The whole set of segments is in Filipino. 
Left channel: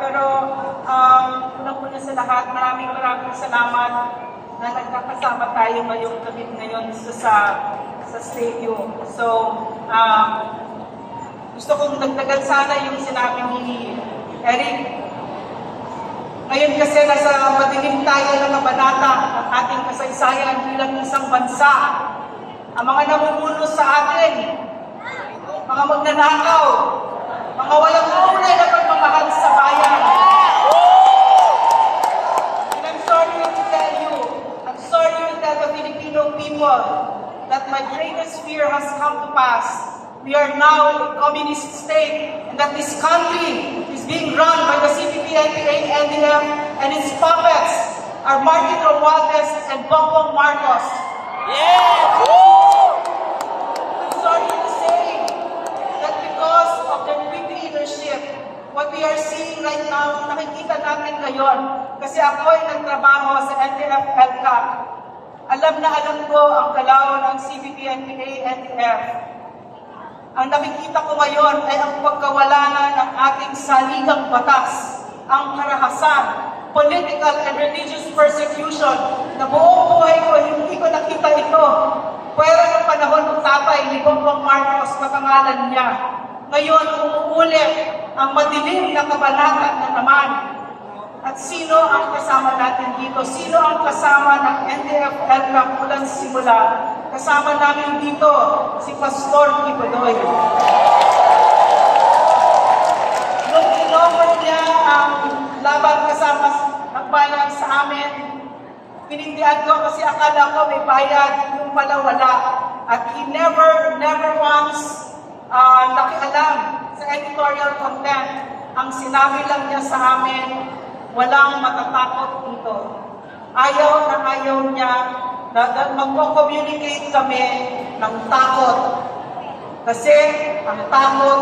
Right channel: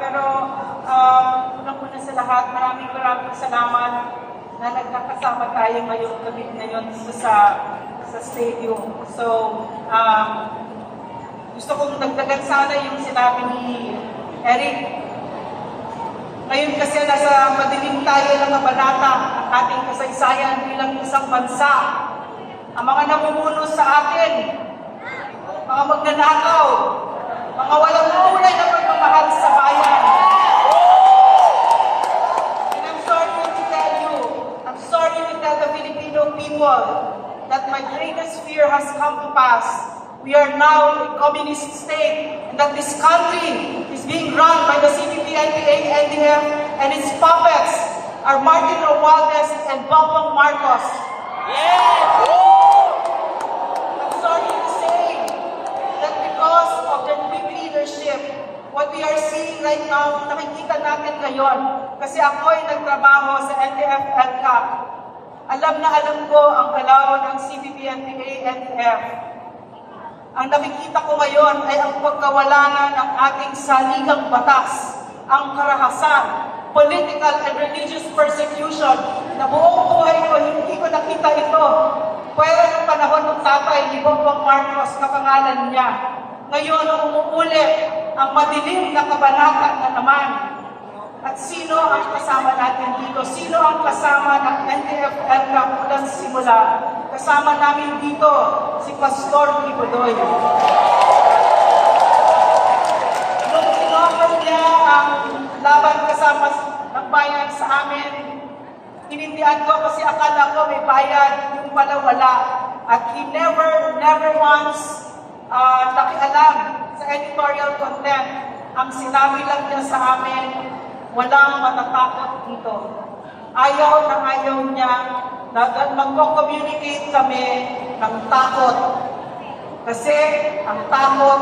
Pero unang-una sa lahat, maraming salamat na nagkakasama tayo ngayong gabi ngayon sa stadium. So, gusto kong dagdagan sana yung sinabi ni Eric. Ngayon kasi nasa madilim tayo ng kabanata ng ating kasaysayan bilang isang bansa. Ang mga namumuno sa atin, mga magnanakaw, mga walang tunay na pagmamahal sa bayan. And I'm sorry to tell you, I'm sorry to tell the Filipino people that my greatest fear has come to pass. We are now a communist state, and that this country is being run by the CPP-NPA, NDF, and its puppets are Martin Romualdez and Bongbong Marcos. Yeah! I'm sorry to say that because of their weak leadership, what we are seeing right now, nakikita natin ngayon, kasi ako ay nagtrabaho sa NTF-ELCAC. Alam na alam ko ang galaw ng CPP-NPA, NDF. Ang nakikita ko ngayon ay ang pagkawala na ng ating saligang batas, ang karahasan, political and religious persecution na buong buhay ko, hindi ko nakita ito. Pero ng panahon ng tatay ni Bongbong Marcos, kapangalan niya, ngayon umuulit ang madilim na kabanata na naman. At sino ang kasama natin dito? Sino ang kasama ng NTF-ELCAC mulang simula? Kasama namin dito si Pastor Kibuloy. Nung inoffer niya ang laban kasama ng bayan sa amin, pinindihan ko kasi akala ko may bayad, yung pala wala. At he never once nakialam sa editorial content. Ang sinabi lang niya sa amin, walang matatakot dito. Ayaw na ayaw niya na mag-communicate kami ng takot. Kasi ang takot,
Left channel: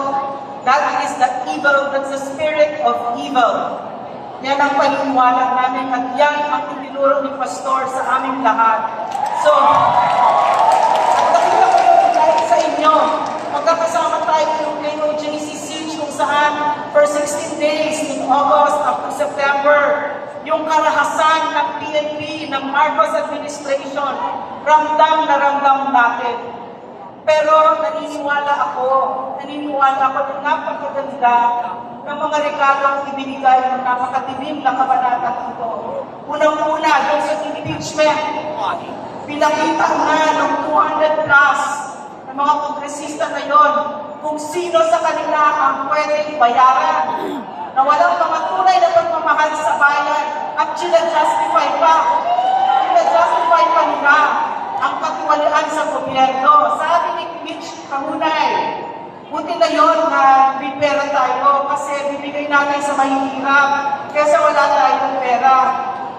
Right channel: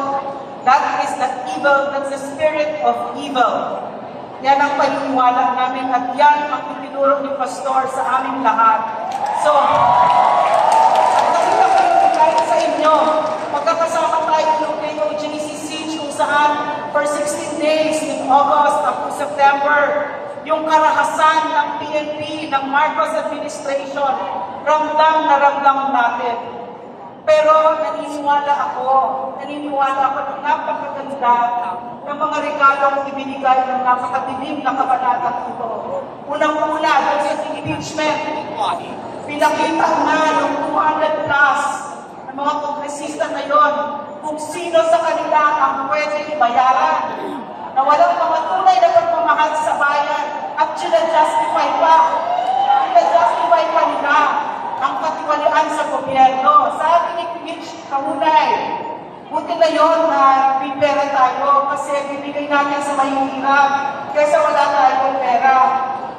that is the evil, that's the spirit of evil. Yan ang paniniwala namin at yan ang itinuro ni Pastor sa aming lahat. So, at nakita ko yung dahil sa inyo, magkakasama tayo yung POGCC kung saan for 16 days in August up to September, yung karahasan ng PNP, ng Marcos administration, ramdam na ramdam natin. Pero naniniwala ako na napakaganda ng mga regalong ibinigay ng napakadilim na kabanata ito. Unang-una, yung sa impeachment, pinakita nga ng 200 plus ng mga kongresista ngayon kung sino sa kanila ang pwedeng bayaran na walang mga tunay na pagmamahal sa bayan at sila-justify pa. Sila-justify pa nila ang katiwalian sa gobyerno. Sabi ni Mitch Kahunay, buti na yun na may pera tayo kasi bibigay natin sa mahihirap kesa wala tayong pera.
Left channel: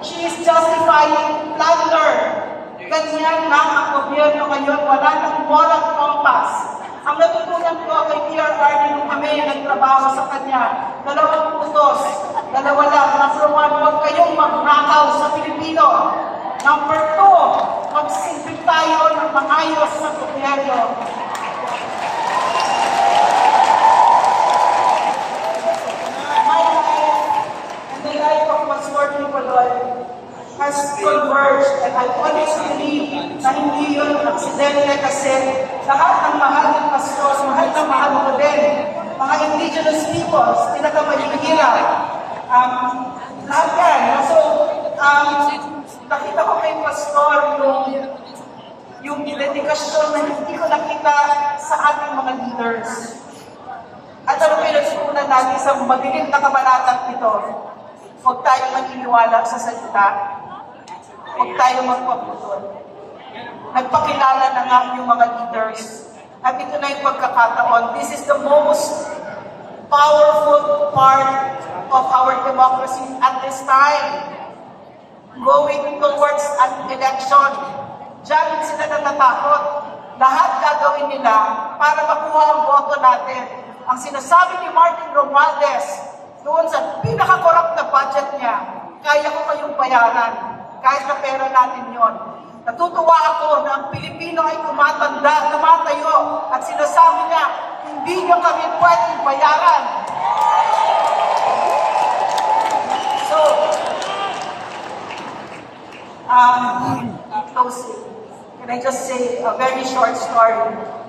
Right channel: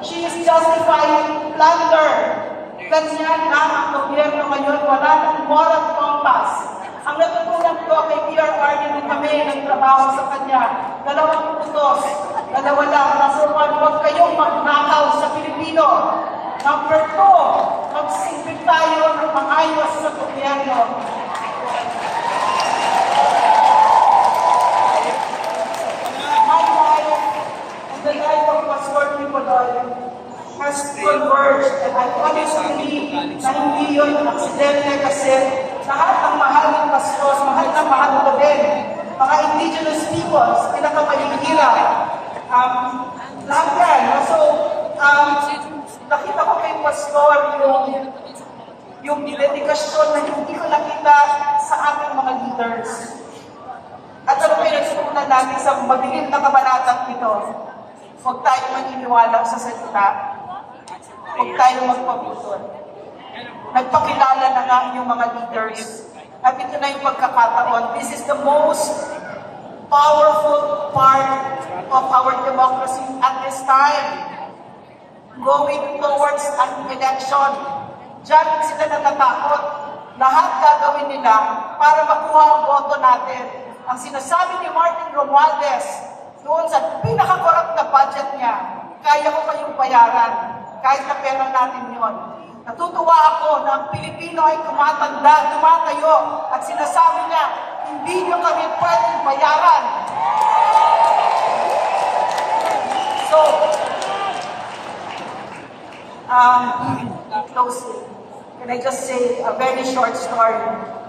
She is justifying plunder. Ganyan na ang gobyerno ngayon, wala ng moral compass. Ang natutunan ko kay PRR nung kami nagtrabaho sa kanya, 2 utos, 2 lang. Number 1, huwag kayong magnakaw sa Pilipino. Number 2, magsilbi tayo ng maayos sa gobyerno. My life and the life of Pastor Kibuloy has converged, and I honestly believe na hindi yun ang aksidente kasi lahat ng mahal ng pastors, mahal ko din, mga indigenous peoples, pinakamalihirap, lahat yan. So, nakita ko kay Pastor yung dedikasyon na hindi ko nakita sa ating mga leaders. At ano pa yung natutunan natin sa madilim na kabanatang ito? Huwag tayo maniniwala sa salita. Huwag tayo magpaputol. Nagpakilala na nga yung mga leaders. At ito na yung pagkakataon. This is the most powerful part of our democracy at this time. Going towards an election. Diyan sila natatakot. Lahat gagawin nila para makuha ang boto natin. Ang sinasabi ni Martin Romualdez doon sa pinaka-corrupt na budget niya, kaya ko kayong bayaran. Kahit na pera natin yon. Natutuwa ako na ang Pilipino ay tumatanda, tumatayo, at sinasabi niya, hindi niyo kami pwedeng bayaran. So, closely, can I just say a very short story?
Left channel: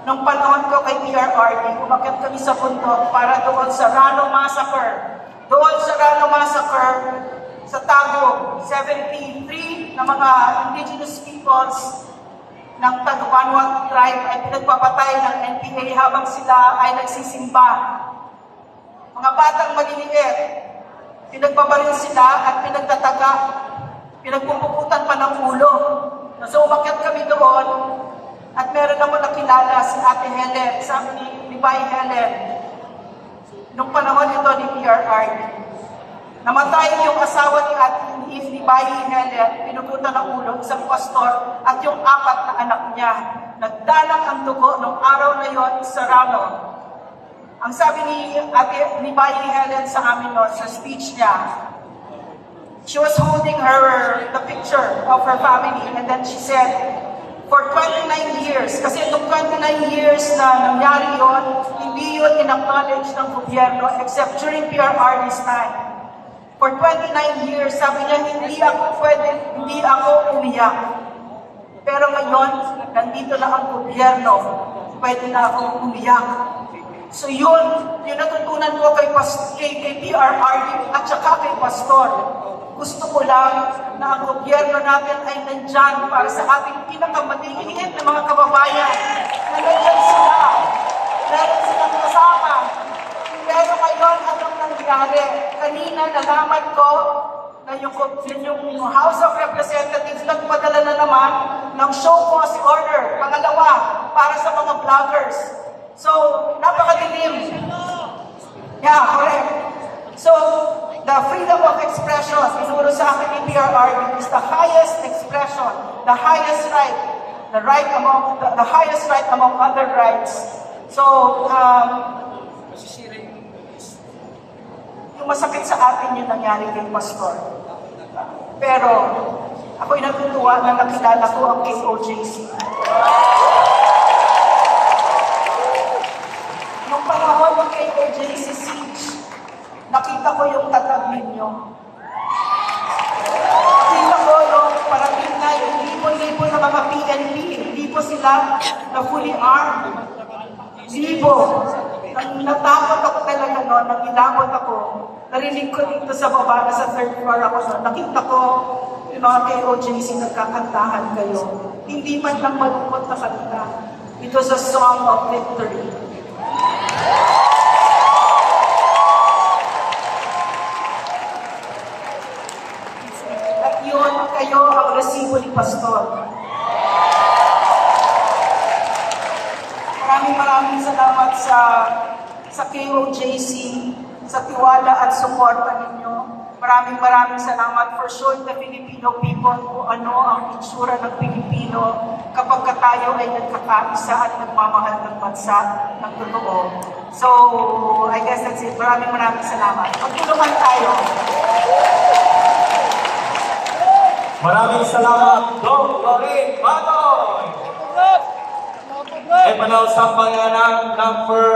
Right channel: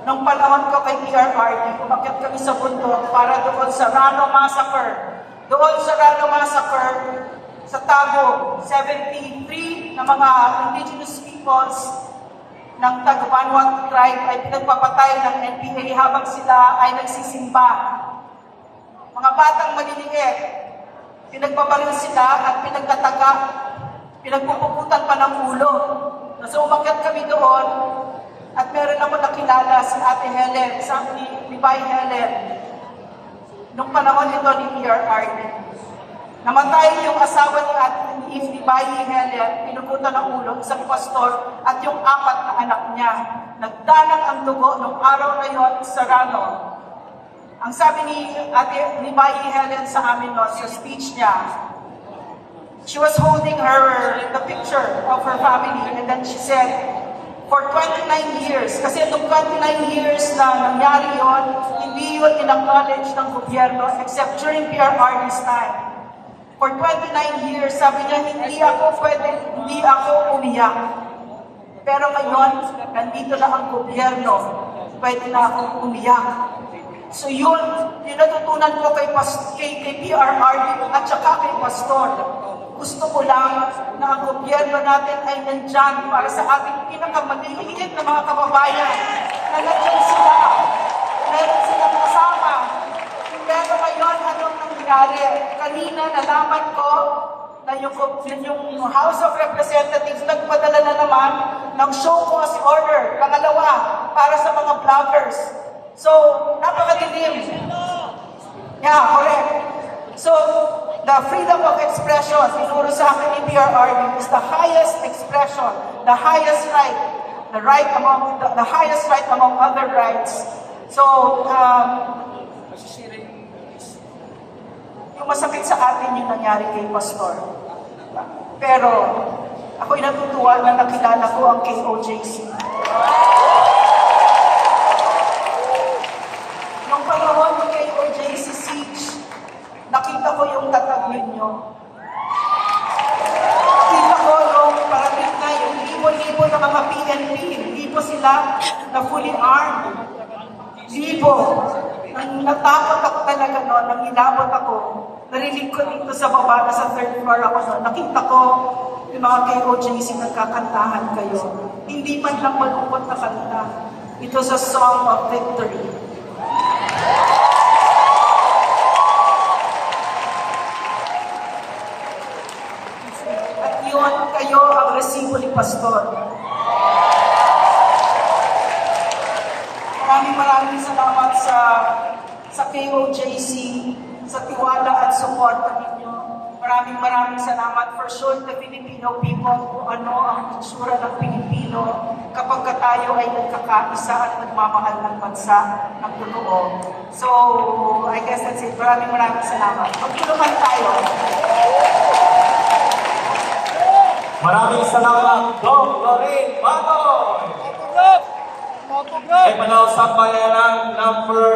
Nung panahon ko kay PRRD, umakyat kami sa bundok para doon sa Rano Massacre. Doon sa Rano Massacre, sa Tagum, 73 na mga indigenous peoples ng Tagupanwag tribe ay pinagpapatay ng NPA habang sila ay nagsisimba. Mga batang maliliit, pinagbabaril sila at pinagtataga, pinagpupukutan pa ng ulo. So umakyat kami doon at meron ako nakilala si Ate Helen, sabi ni Bay Helen, nung panahon ito ni PRRD. Namatay yung asawa ni Bay Helen, pinukutan ng ulo, isang pastor, at yung 4 na anak niya. Nagdalang ang dugo nung araw na yon sa Rano. Ang sabi ni Bay Helen sa amin sa speech niya, she was holding the picture of her family, and then she said, for 29 years, kasi itong 29 years na nangyari yun, hindi yun in-acknowledge ng gobyerno except during PRRD's time. For 29 years, sabi niya, hindi ako umiyak. Pero ngayon, nandito na ang gobyerno, pwede na akong umiyak. So yun natutunan ko kay PRRD at saka kay Pastor. Gusto ko lang na ang gobyerno natin ay nandyan para sa ating pinakamaliliit na mga kababayan na nandyan sila. Meron silang kasama. Pero ngayon, anong nangyari? Kanina nalaman ko na yung House of Representatives nagpadala na naman ng show cause order, pangalawa, para sa mga vloggers. So, napakadilim. Yeah, correct. So, the freedom of expression, inuro sa akin ni PRRD, is the highest expression, the highest right, the highest right among other rights. So, yung masakit sa atin yung nangyari kay Pastor. Pero, ako'y natutuwa na nakilala ko ang KOJC. Nung panahon ng KOJC siege, nakita ko yung tatag ninyo. Nakita ko yung parating na yung libo-libo ng mga PNP. Hindi po sila na fully armed. Libo. Natakot ako talaga noon, nang ilabot ako. Narinig ko dito sa baba, sa third floor ako. Nakita ko yung mga KOJC nagkakantahan kayo. Hindi man lang malupot na kanta. It was a song of victory. At yun, kayo ang resibo ni Pastor. Maraming salamat sa KOJC, sa tiwala at suporta ninyo. Maraming salamat for showing the Filipino people kung ano ang itsura ng Pilipino kapag tayo ay nagkakaisa at nagmamahal ng bansa ng totoo. So, I guess that's it. Maraming salamat. Magtulungan tayo. Maraming salamat, Dong Lorraine Maton! Ay panahon sa bayanan number